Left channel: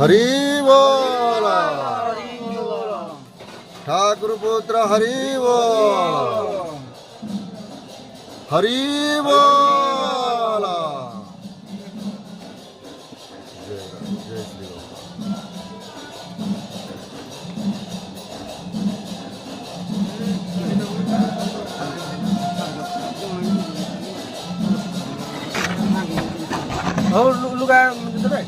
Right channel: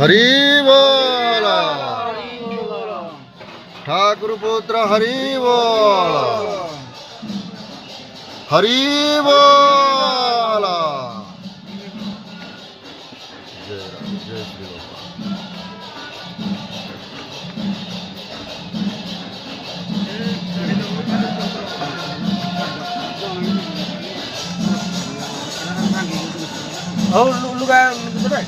हरि बोल। ठाकुर पुत्र हरि बोल। हरि बोल। जय राम जय श्री राम। और लुगा देबे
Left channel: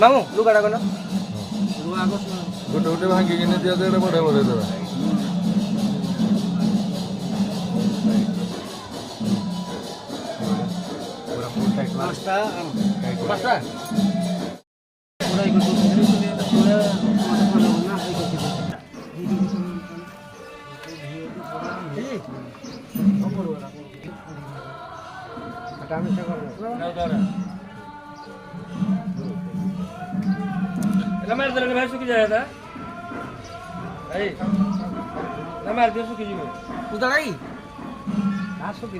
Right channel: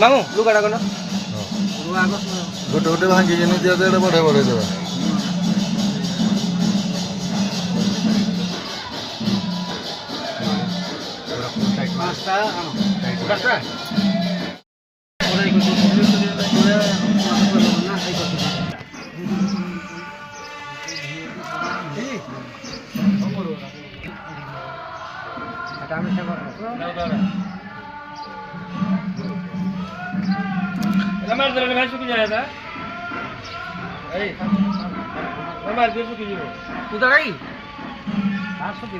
मामू लुगाटा कन गोटे गोटे भांगी दिया तो बढ़े बढ़े देवा। हमारे तरह भाई सुखी जाए था हमारे देश सुखी जीरो तू तो गई हाँ सुखी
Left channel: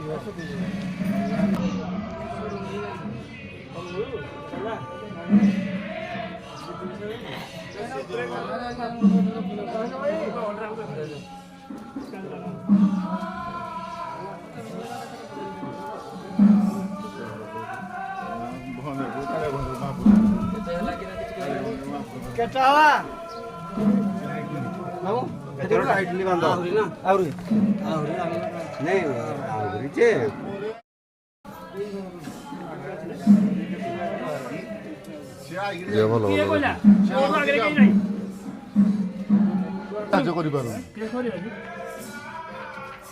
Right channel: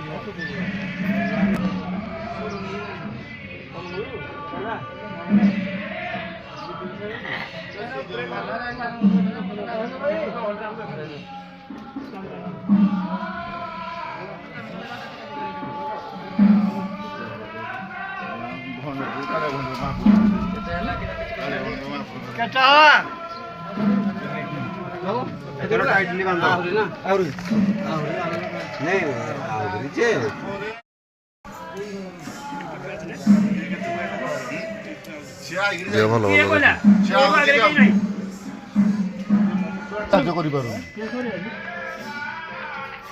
क्या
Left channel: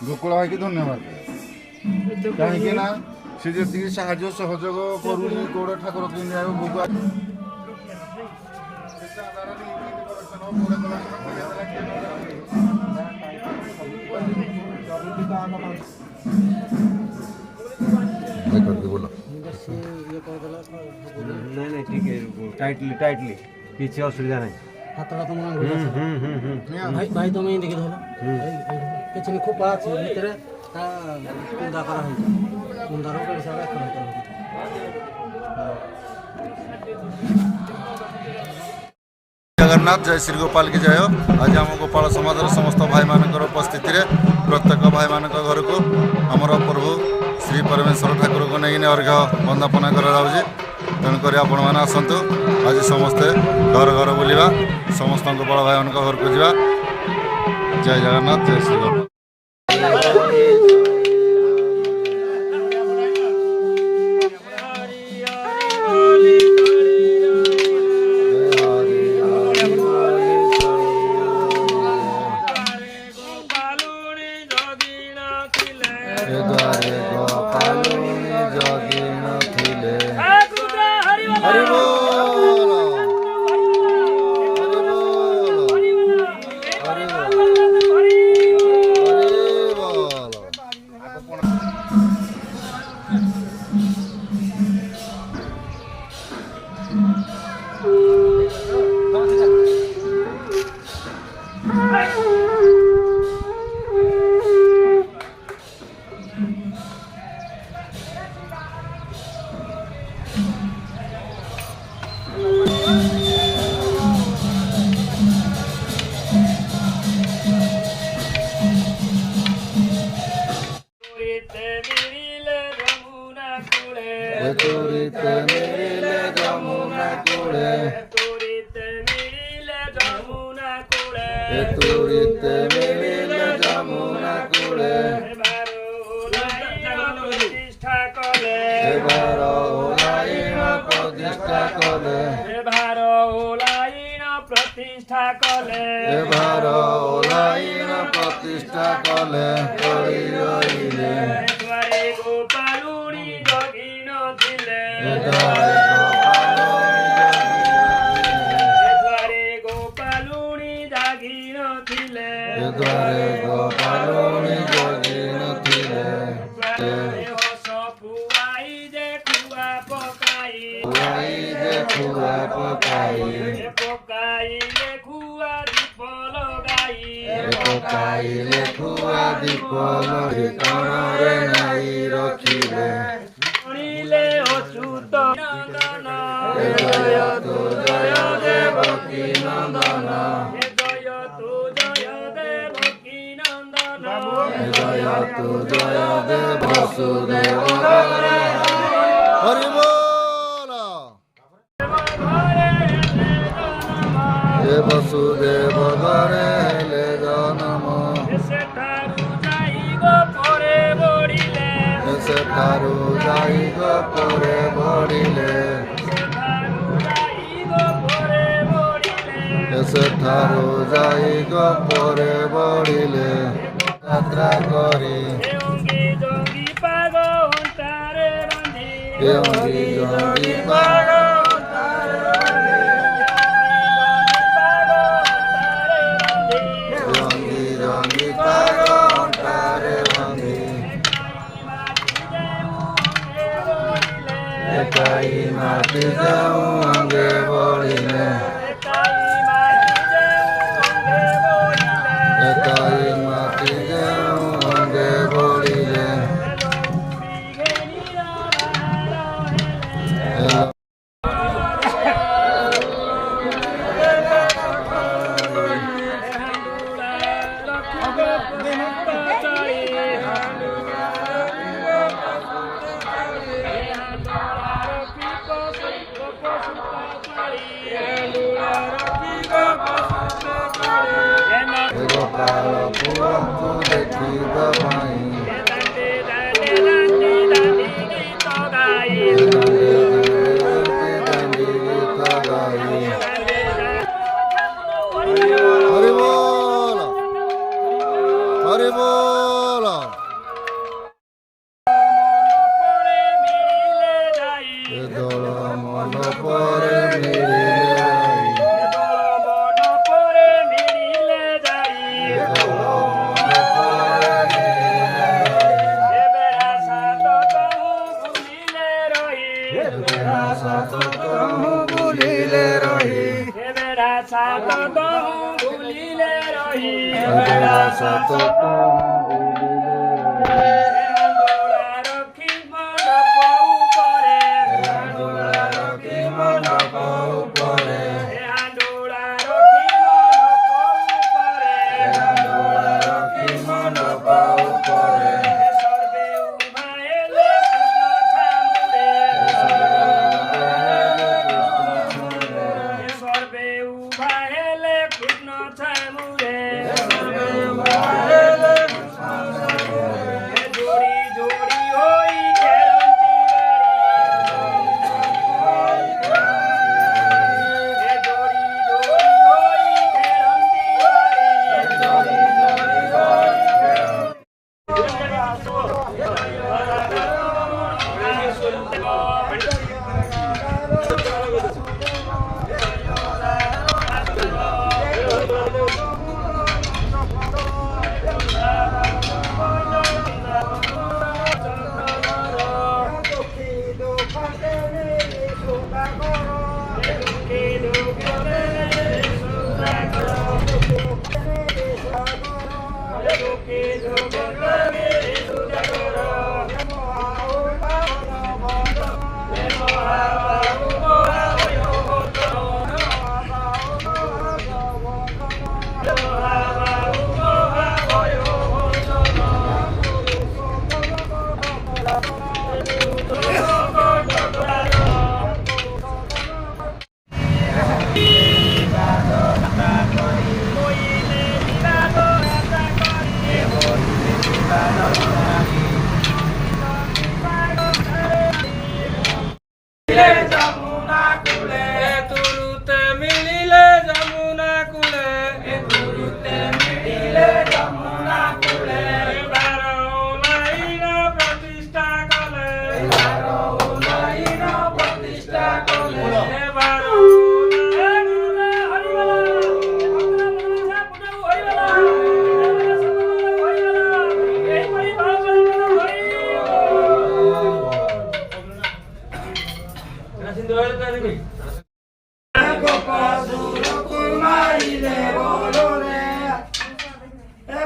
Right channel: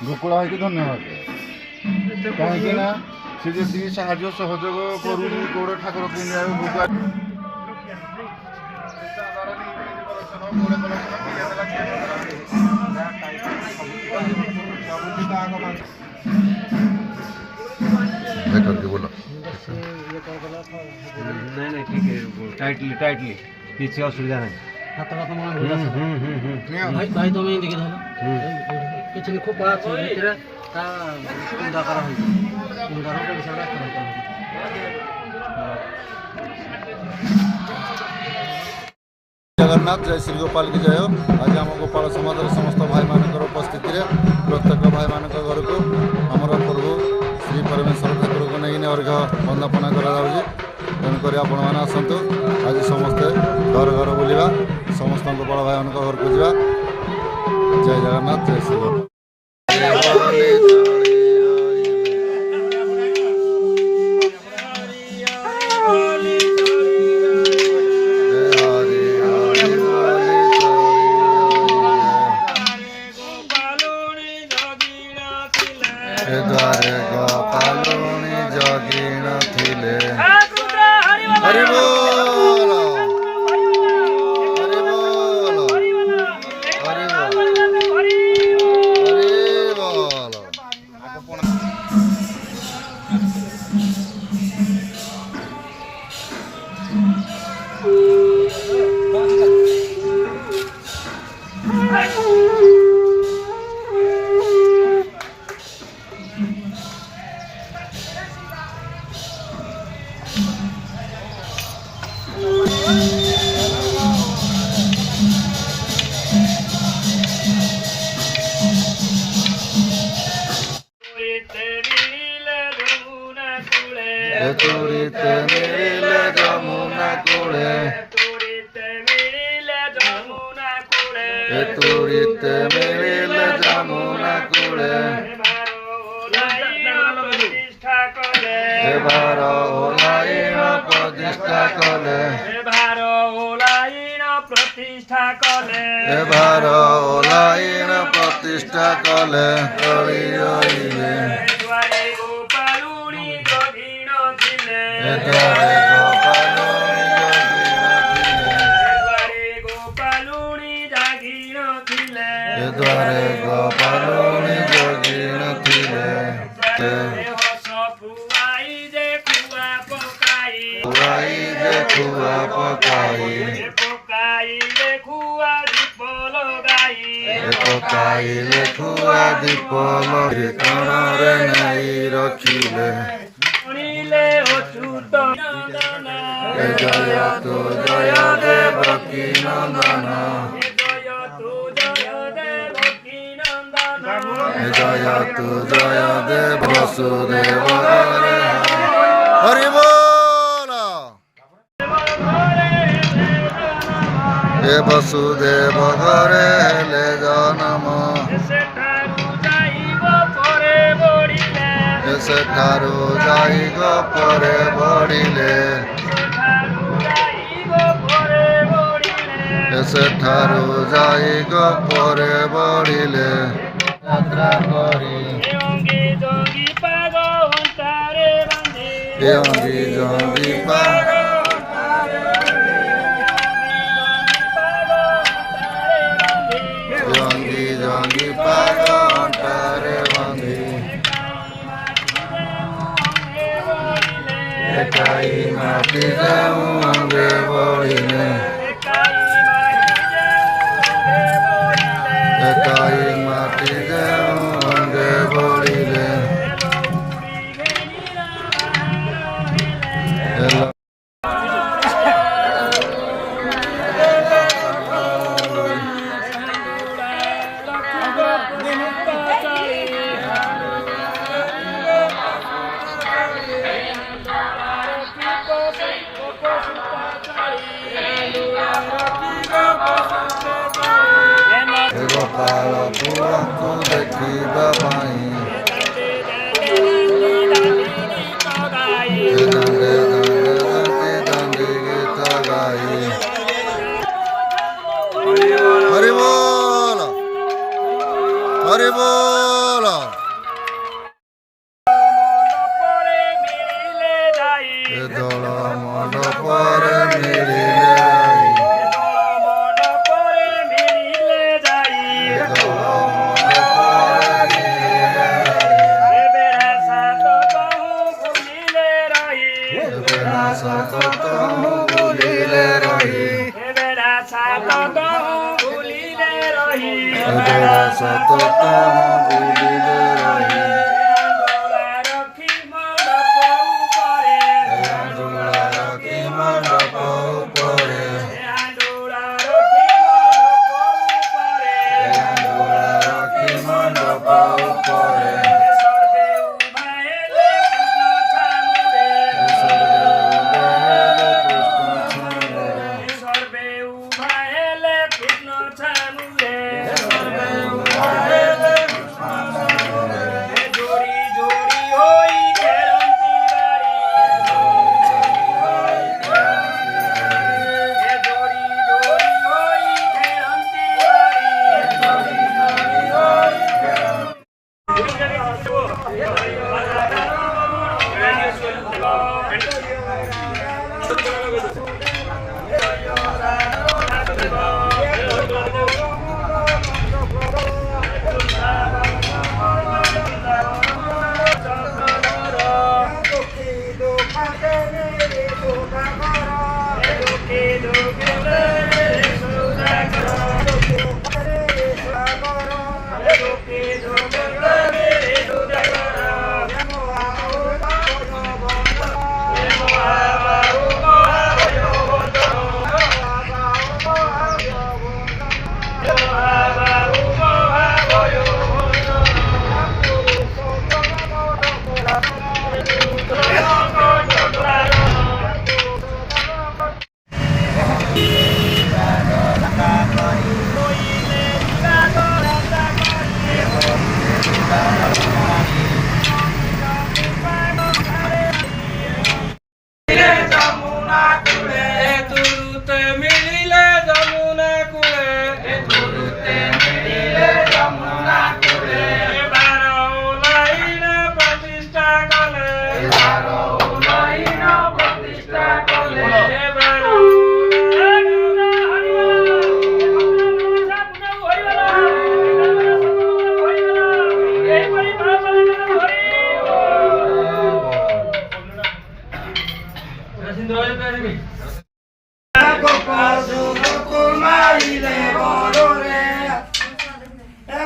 गोकुला धन्यवाद कहीं सी जी साहय सहयोग करूनी गोड़ ठाकुर भोग बोलो नहीं ठीक है टाइटली किसी असुविधा नहीं भाई तो मैं देखे किसी ने खूब बात तेरा का कुंदा करा है कुंदा रो के सारा करता है जगन्नाथ जय श्री गोपाल की जय हो। आज आम गोपाल समाज समस्त भाई मान उपस्थित प्रत्येक भाई मान घर को आमर प्रभु श्री परमेश्वर ठाकुर को नहीं अर्घ्य वंदना कर तेणुक आपण मैंने आसतु आज समस्ते घर घर बुलवा समस्त गोपाल भाई मान घर को जा। जय जगन्नाथ जय श्री गोपाल। द्वारे गोपालुनी जगिन थिले हरि बोल हरि बोल हरि बोल हरि बोल। तुरीते मिले जमुना कूले तुरीते मिले जमुना कूले भार ओलायन प्रतिष्ठा कले भार ओलायन प्रतिष्ठा कले द्वारे गोपालुनी जोगिन थिले खुआ पकाई पकाइले खुआ दीप लगे कणरे नहीं रखिले अच्युत जय तु जय देवकी नंदन जय तु जय देव वसुदेव हरि बोल हे वसुदेव घरे हेले जन्म सेठारु जाई गो परे बढ़िले सेठारु जाई गो परे बढ़िले यात्रा करी अंगी जंगी पाग अंगी जंगी पाग अंटारे बंदी एकाई माटी जाऊं अंगे बढ़िले एकाई माटी जाऊं अंगे बढ़िले गोपाल पुरंकु देखिबा पाई दांडे दांडे गीत गाई हरि बोल हरि बोल दल मंडपरे मिलिले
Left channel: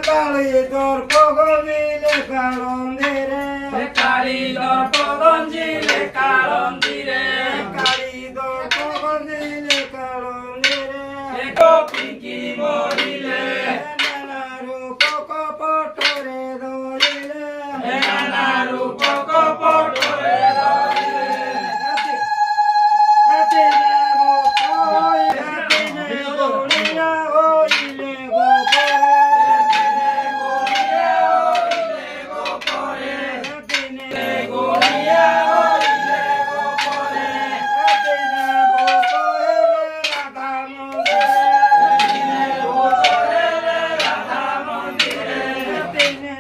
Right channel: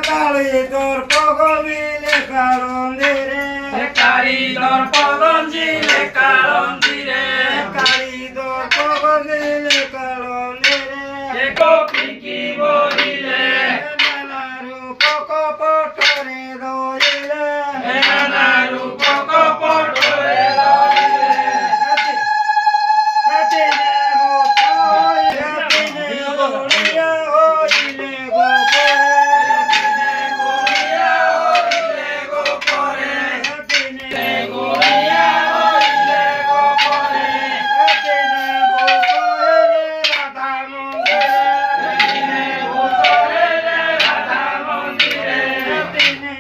কালী দর্প গবিলে কালন্দিরে কালী দর্প গঞ্জিলে কালন্দিরে কালী দর্প গবিলে কালন্দিরে গোপীকি বলিলে নানা রূপ কপটরে ধরিলে নানা রূপ কপটরে ধরিলে হাতে নেবো কইলে দিনে গড়িয়া হইলে গোপরে দিনে গড়িয়া হইলে গোপরে হাতে নেবো কইলে রাধা মন্দিরে রাধা মন্দিরে দিনে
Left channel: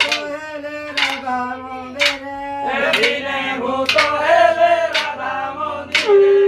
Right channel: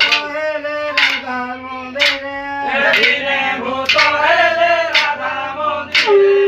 কইলে রাধা মন্দিরে দিনে ভূত হেলে রাধা মন্দিরে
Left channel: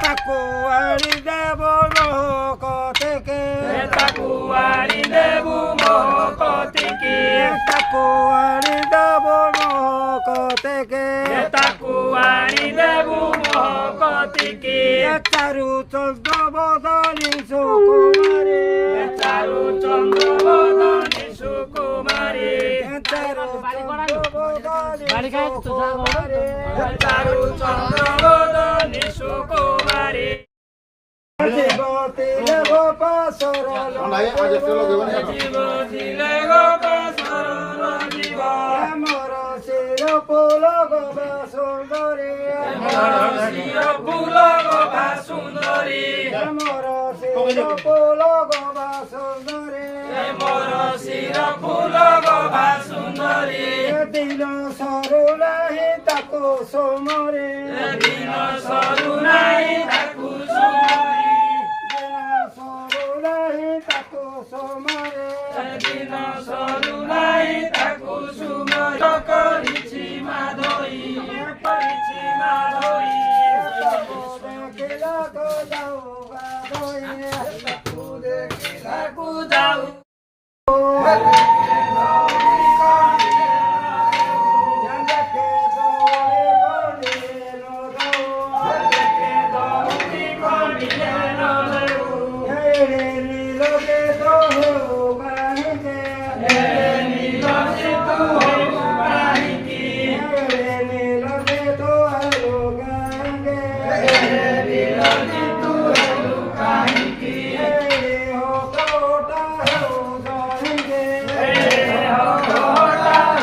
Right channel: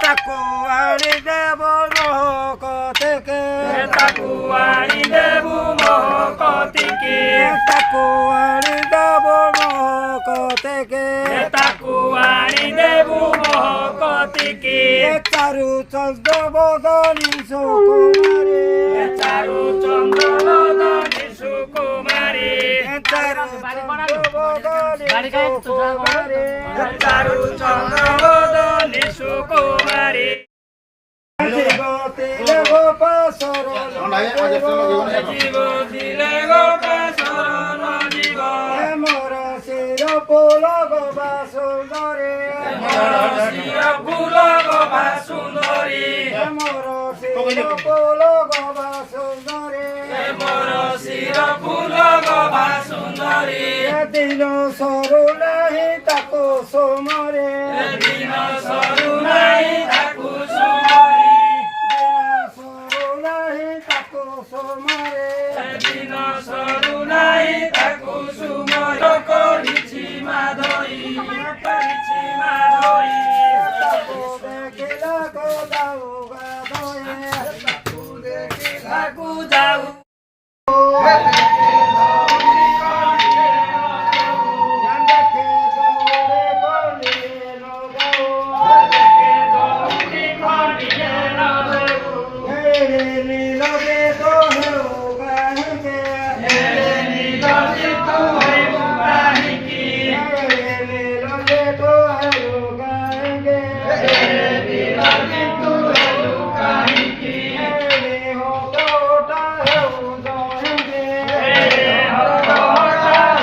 তাকুয়ারি দেব মহকতিকে তাকুয়ারি দেবু মহকতিকে তাকুয়ারি দেব মহকতিকে তাকুয়ারি দেবু মহকতিকে চারু চন্দ্র বদনী সুকুমারী চারু চন্দ্র বদনী সুকুমারী চারু চন্দ্র বদনী সুকুমারী চারু চন্দ্র বদনী সুকুমারী জীবতী গোপাসর জীব দিলে গোপাসরণ জীব মোর শির পুল গোবা সুন্দরী শির ফুল গোপা সুন্দরী মোর শির পুল গোবা সুন্দরী মোর শির ফুল গোপা সুন্দরী দিল সরু নাহি তাকু সুমরে দিন সরু নাই তাকু সুমরি সরু নাহি তাকু সুমরে দিন সরু নাই তাকু সুমরি করিছি মাধই করিছি মাধই দেখিলা গোলাও গাধয়ে তাকু যাও দেখে দৌড়ে বলিয়ে নগো দৌড়ি খনিয়ে রবেউ হেরে নীলকে তো হেউ গাহিকে হেরে নীলজি তু হেউ কাহিকি হেরে নীলকে তো হেউ গাহিকে হেরে নীলজি তু হেউ কাহিকি হেরে হোটা হেউ জহিকে হেরে হঠা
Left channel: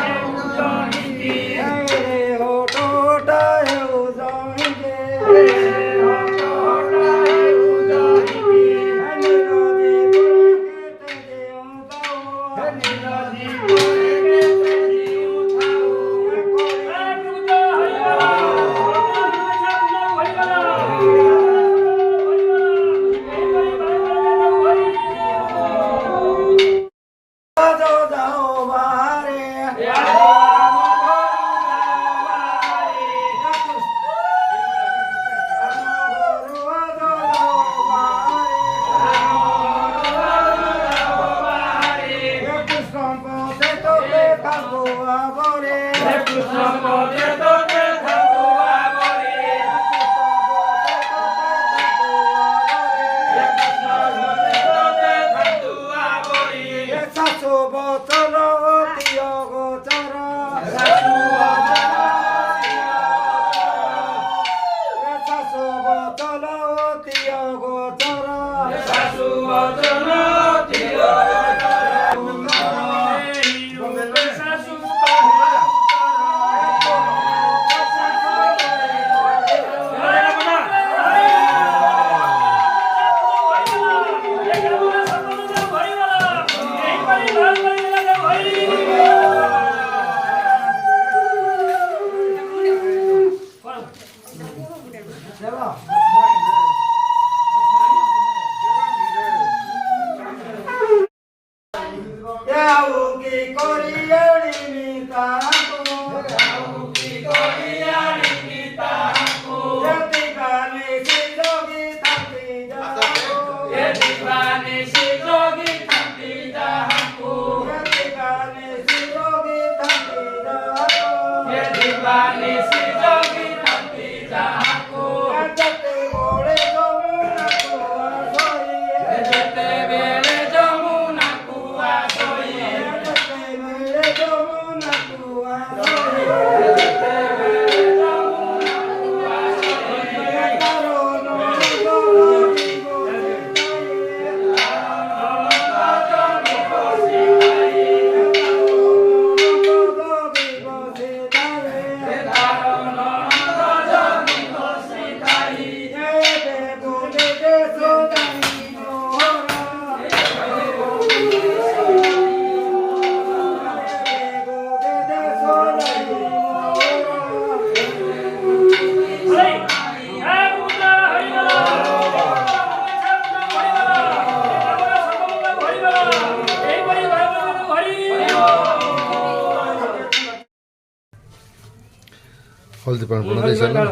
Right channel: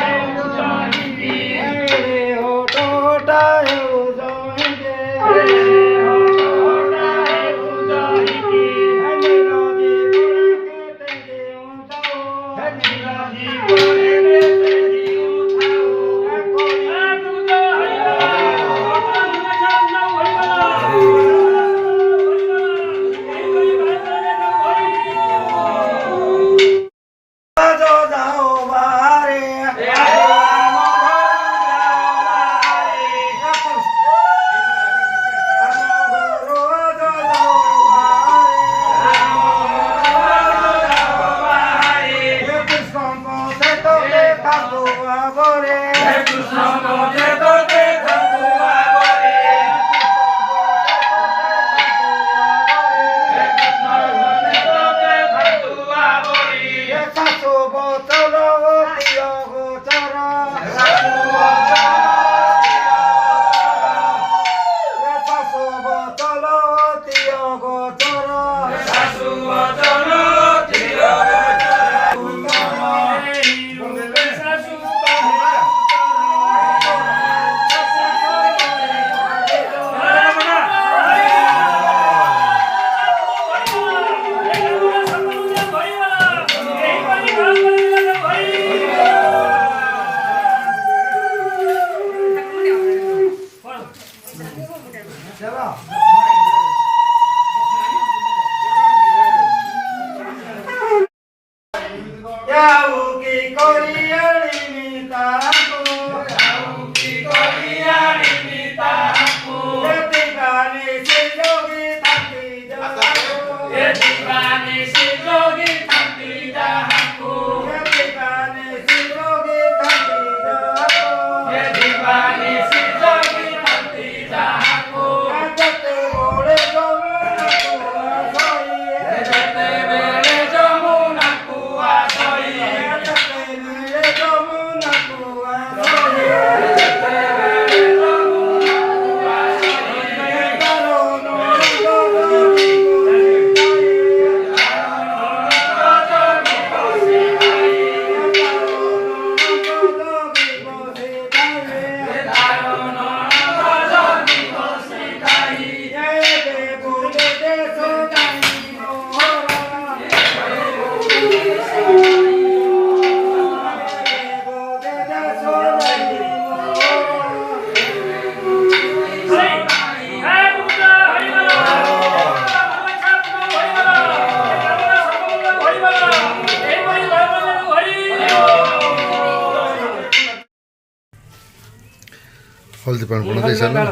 হেউ জহিকি হেরে হোটা হেউ জহিকে হেরে হঠা হেউ জহিকি নীলজি পুরকে তেগে উতাও নীলজি পরে পেতে দিউ থাউ তুতো হইগলা তুতো হইগলা যাও যাও বারে हल्दी पानी पड़ा दे साला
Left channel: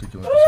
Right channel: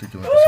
ठीक है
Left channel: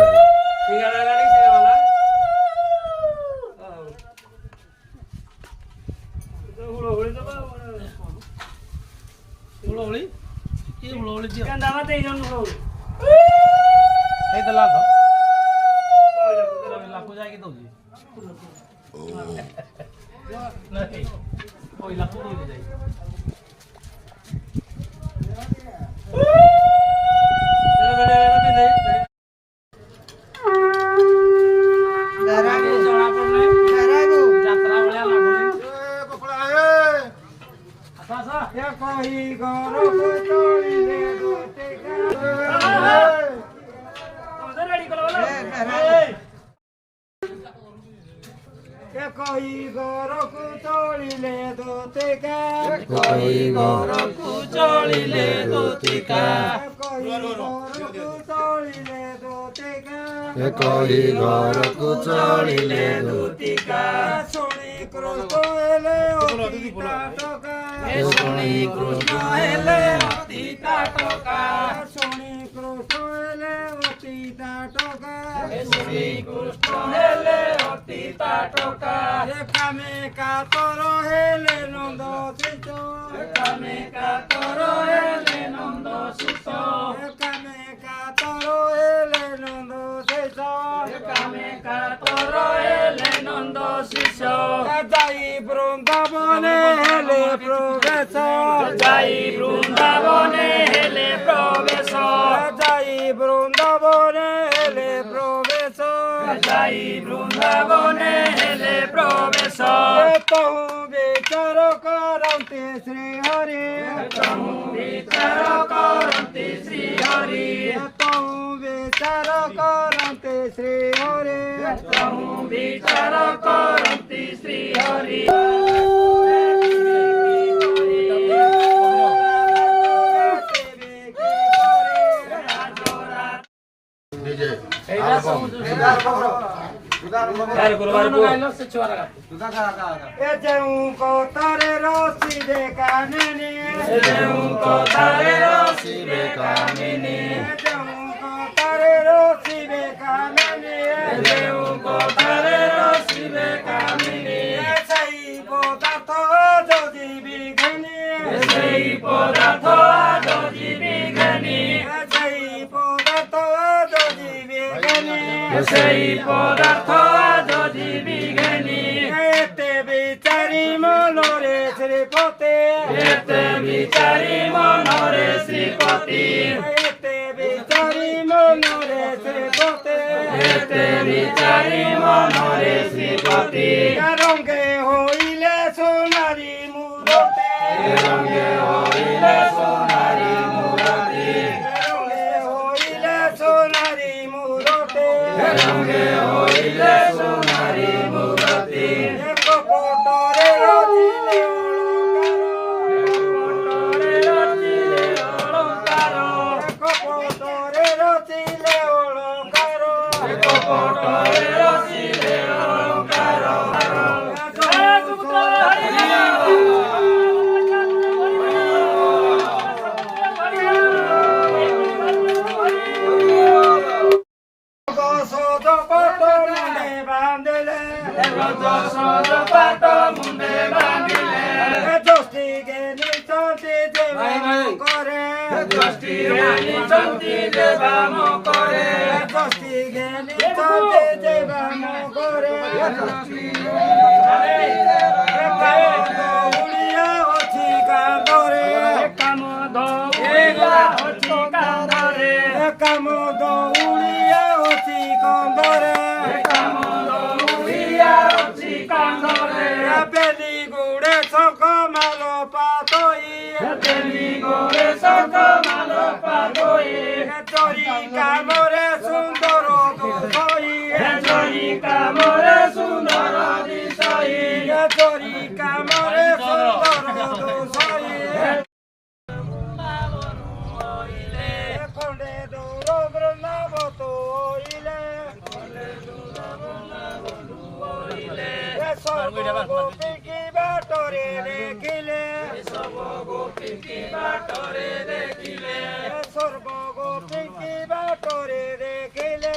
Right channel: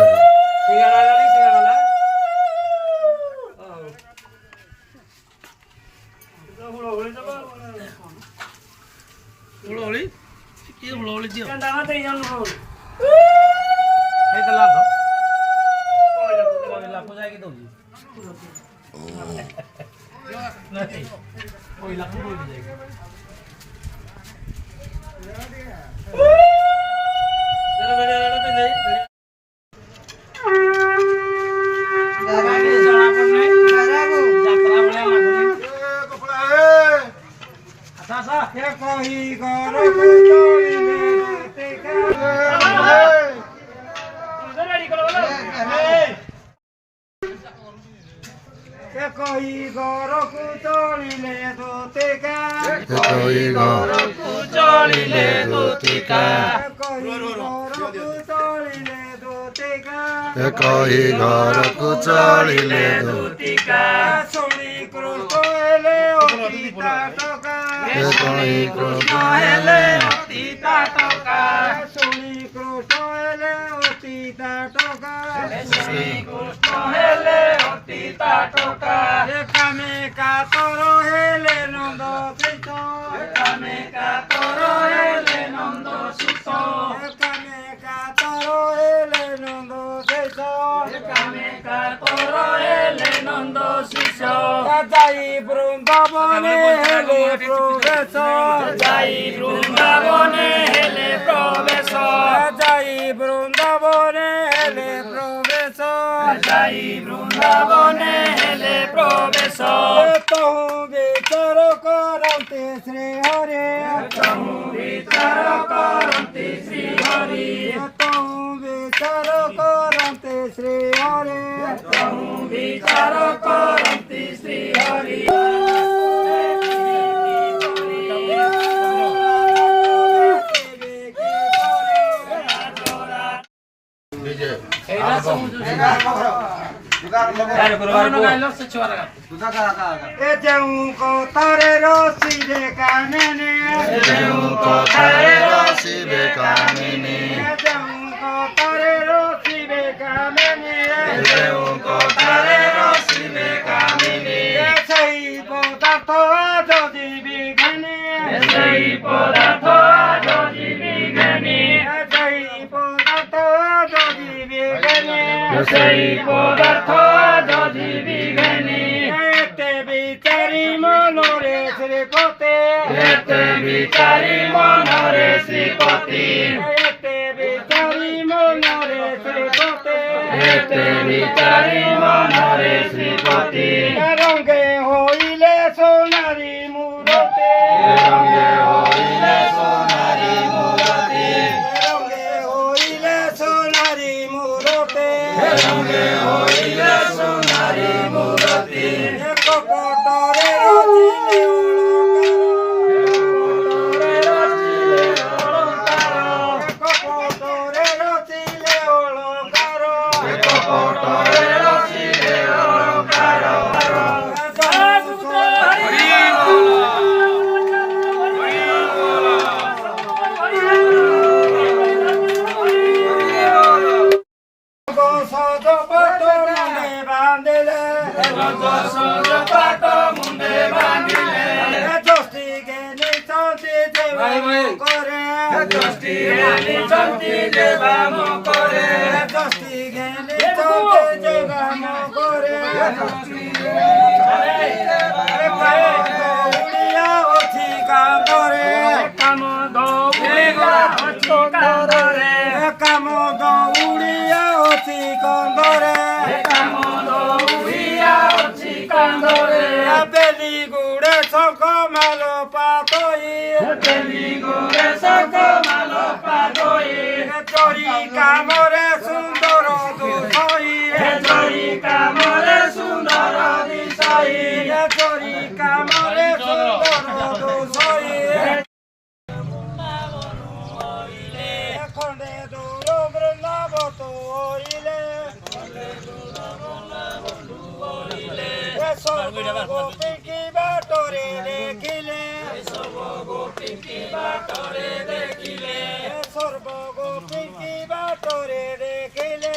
मैं कोई गोरो कुचोड़ीले धोतेका कोई घर कुचोड़ीले धोतेका कोई गोरो कुचोड़ीले धोतेका कोई घर को चढ़िले धोतेका सोनी क्रोकोले ओतीता टोका कोई क्रोकोले ओतीता टोका सोनी क्रोकोले ओतीता टोका सोनी क्रोकोले ओतीता टोका एकामे का तोरो हेले नंद कृष्ण एकामे का तोरो हेले नंद सुतो एकामे का तोरो हेले नंद शेषो एकामे का तोरो हेले नंद शिष्य जाई बृंदाबने हेले प्रवेश जाई बृंदाबने हेले प्रवेश जाई बृंदाबने हेले प्रवेश जाई बृंदाबने हेले प्रवेश तहु विचार करन्ते श्री हरि तहु विचार करन्ते श्री हरि तहु विचार करन्ते श्री हरि तहु विचार करन्ते श्री हरि को तारे रसी बेकाने को थारे रसी बेकाने को तारे रसी बेकाने को थारे रसी बेकाने सही पदार्थ যদি বিজ্ঞানী সেই পদার্থ যদি বিজ্ঞানী সেই পদার্থ যদি বিজ্ঞানী সেই পদার্থ যদি বিজ্ঞানী এতে বিচারি মনরে শ্রীপতি এতে বিচারি মনরে শ্রীপতি এতে বিচারি মনরে শ্রীপতি এতে বিচারি মনরে শ্রীপতি রঙ্গে হইলে সোনারি মূরতে রঙে হইলে সোনারি মূরতি রঙ্গে হইলে সোনারি মূরতে রঙে হইলে সোনারি মূরতি এক পটরে রচিলে পটরে রচিলে অলঙ্কার পটরে রচিলে অলঙ্কার সজ পট মুন্ডে বাঁধিলে সজ পাট মুন্ডে বাঁধিলে যষ্টি জ্ঞানী চন্তি যে করে দশটি রানী চন্দি যে ব্যায়াম করে দশটি গেলে চলতে যে গাম করে উড়িয়া অছি কান্দরে কাম দৌড়িয়া হচ্ছে কান্দরে কাম দৌড়িয়া অছি কান্দরে কাম দৌড়িয়া হচ্ছে কান্দরে বেলি গুড়ে শঙ্খ মাল পাতই বেলি গোরে সক মালো পাদই চরি কামরে সুন্দর দুসই চরি কামরে সুন্দর দিশাই চরি কামরে সুন্দর দুসই খন্ডে দৌড় বৃন্দাবত হইলে গোপী কি বাটরে দেখিলে গোপী কি বাটরে দেখিলে সর্বগোপী কি বাটরে দেখিলে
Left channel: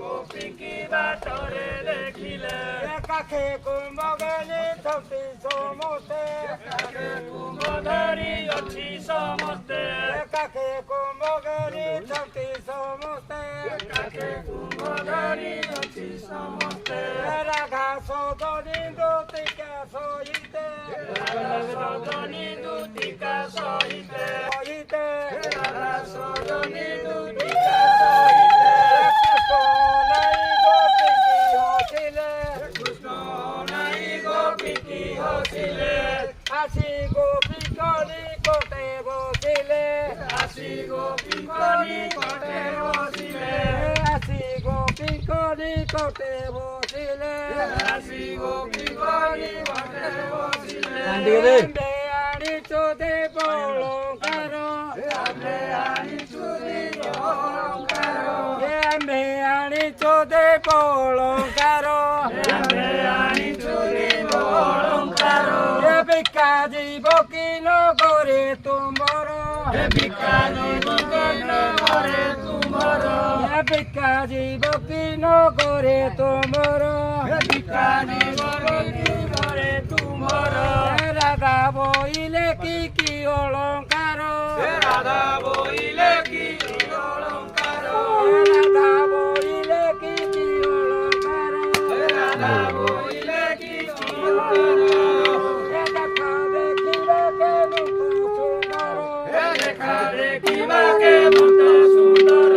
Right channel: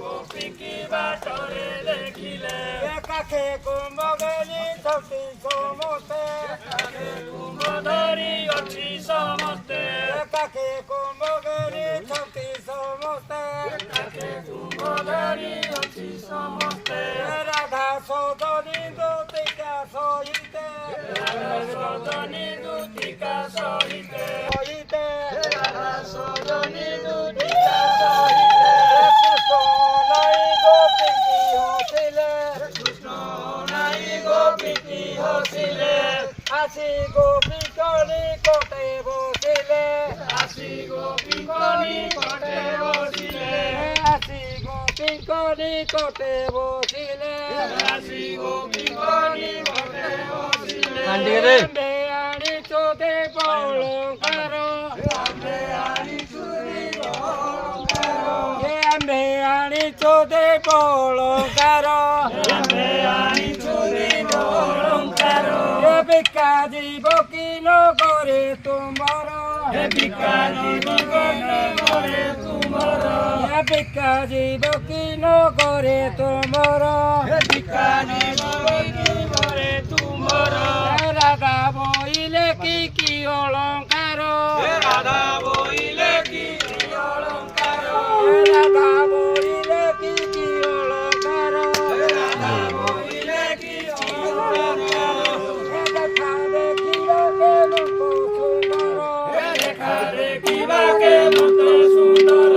গোপী কি বাটরে দেখিলে কাখে কুম্ভগানি ছবি সমস্তে কুম্ভধারী অছি সমস্তে কাখে কুম্ভগানি ছবি সমস্তে কুম্ভধারী অছি সমস্তে রাধা সৌদনী গোপিকা সহিতে সদনী দুতিকা সহিতে সহিতে সদনী দুতিকা সহিতে কৃষ্ণ নাই গোপী হসিলে নাই গোপীটি হসিলে আসি গোপী কলি কোটে বসিলে আসি গোপী কলি কটে বসিলে আসি গোপী কলি কোটে বসিলে আসি গোপী কলি কটে বসিলে আনি চোদে বলঙ্কার আনি চুরি অলঙ্কার আনি চোদে বলঙ্কার আনি চুরি অলঙ্কার বিকা জীব কি নগরে তুমর ভিক্ষা করে তুমর বিকা জীব কি নগরে তুমর ভিক্ষা করে তুমর রাধা বইলে কি অলঙ্কার রাধা বইলে কি অলঙ্কার রাধা বইলে কি অলঙ্কার রাধা বইলে কি অলঙ্কার দেখা দেখিব সুন্দর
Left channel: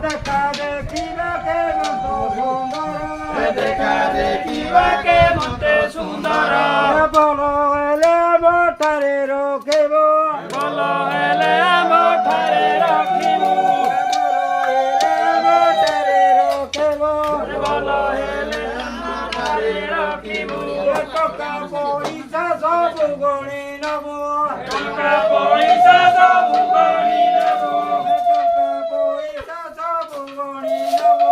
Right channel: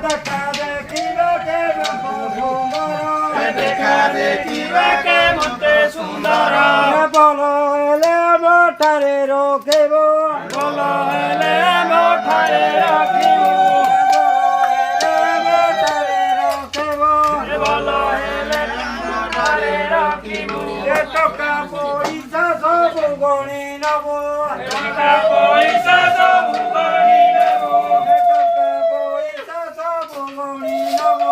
দেখা দেখিবাকে সুন্দর দেখা দেখিবাকে মতে সুন্দর বল এলে মোটারে রখিব বল হেলে মোঠারে রাখিব মোটারে রখিব বল হেলে মোঠারে রাখিব টকা পয়সা সব গণি নব টাকা পয়সা সব গণি নেব টকা পয়সা সব গণি নব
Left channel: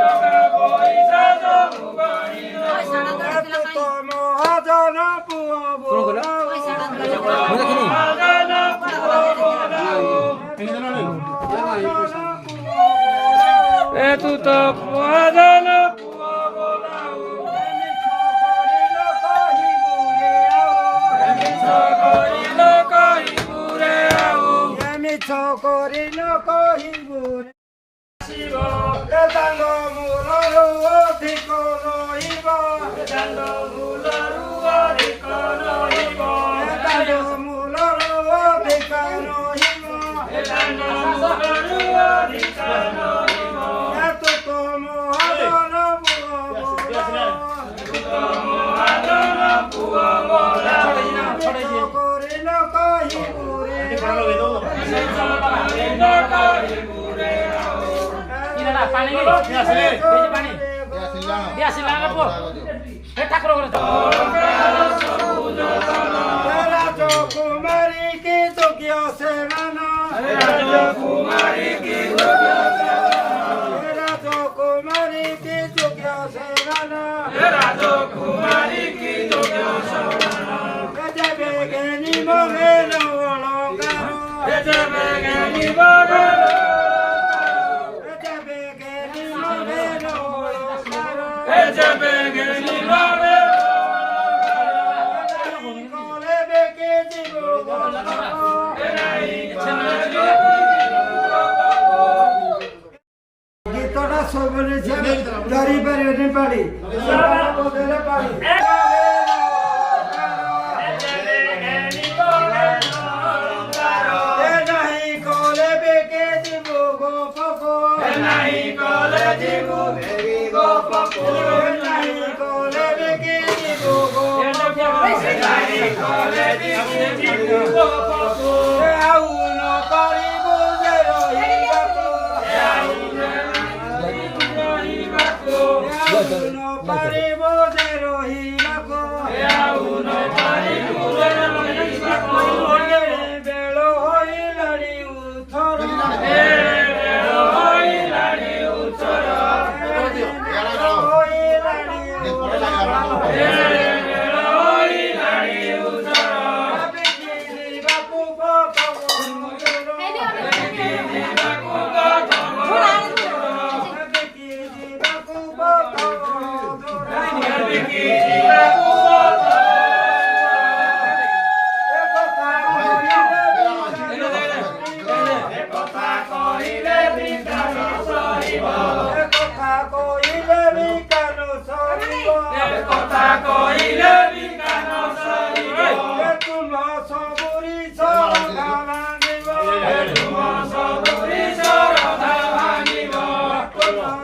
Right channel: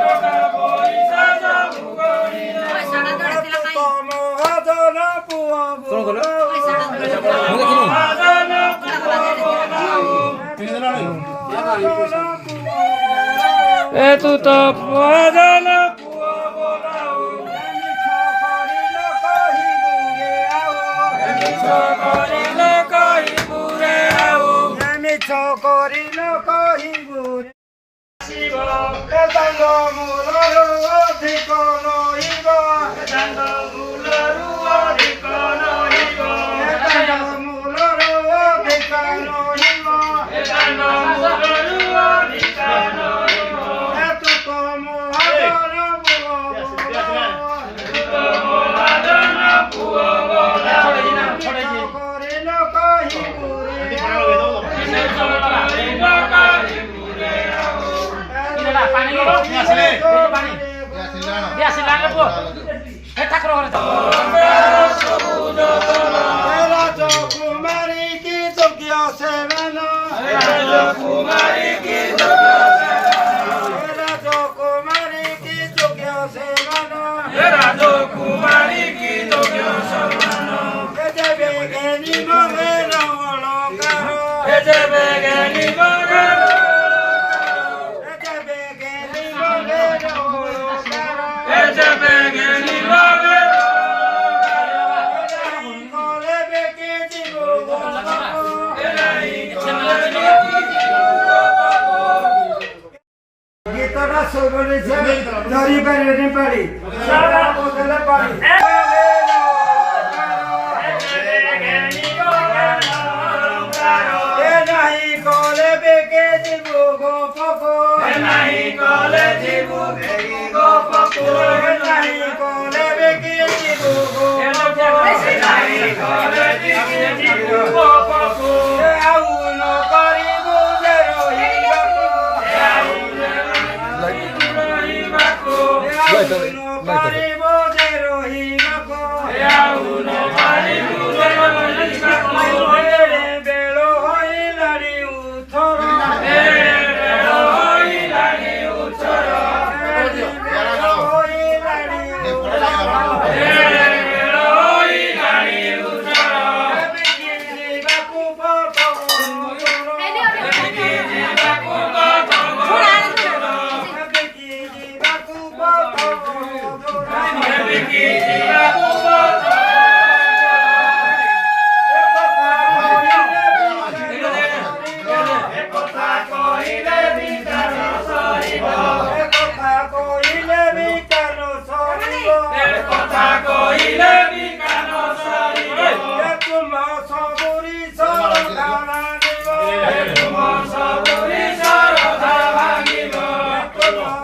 টাকা পয়সা সব গণি নেব তো মহাজন পুয়া বল মহাজন পুয়া বলাও এ তু তো মহাজন পুয়া বলাও করিল কহিবুরে আউ করিল কহিবু শিব সাঙ্গ মূলর অধিক নহিব চান্দ মূলরু অধিক নহিব সাঙ্গ মূলর অধিক নহিব চান্দ মূলরু অধিক নহিব এতু তো মহাজন মহাজন পুয়া বলাও করিল কহিবু কুমারী কি যোগ্য সেবন কুমারী কি কুমারী কি যোগ্য সেবন কুমারী কি যাবে জ্ঞানী মনে অলঙ্কার যাবে জ্ঞানী বগল যাবে জ্ঞানী মনে অলঙ্কার যাবে জ্ঞানী বগল ଗୀତଟା ସବୁବେଳେ ଧରି ପାରିବେନି ପାଳି ବଦଲେ ପାଳି ନାହିଁ କଲେ ବେକେ ଯିବୁ ଗୋ ପକୋ ନାହିଁ କଲେ ଯିବୁ ଗୋ ପକୋ ନାହିଁ କଲେ ବେକେ ଯିବୁ ଗୋ ପକୋ ନାହିଁ କଲେ ଯିବୁ ଗୋ ପକୋ ଆଉ ନ କରିବୁ ଯେ ରହିବାକୁ ଆଉ ନ କରିବୁ ଯେ ରହିବାକୁ ଆଉ ନ କରିବୁ ଯେ ରହିବାକୁ ବେଳ ହୋଇଲାଣି ଉଥର ବେଳ ହୋଇଲାଣି ଉଥର ବେଳ ହୋଇଲାଣି ଉଥର ବେଳ ହୋଇଲାଣି ଉଥର ଯିବାକୁ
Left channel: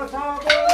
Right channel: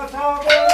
Saburi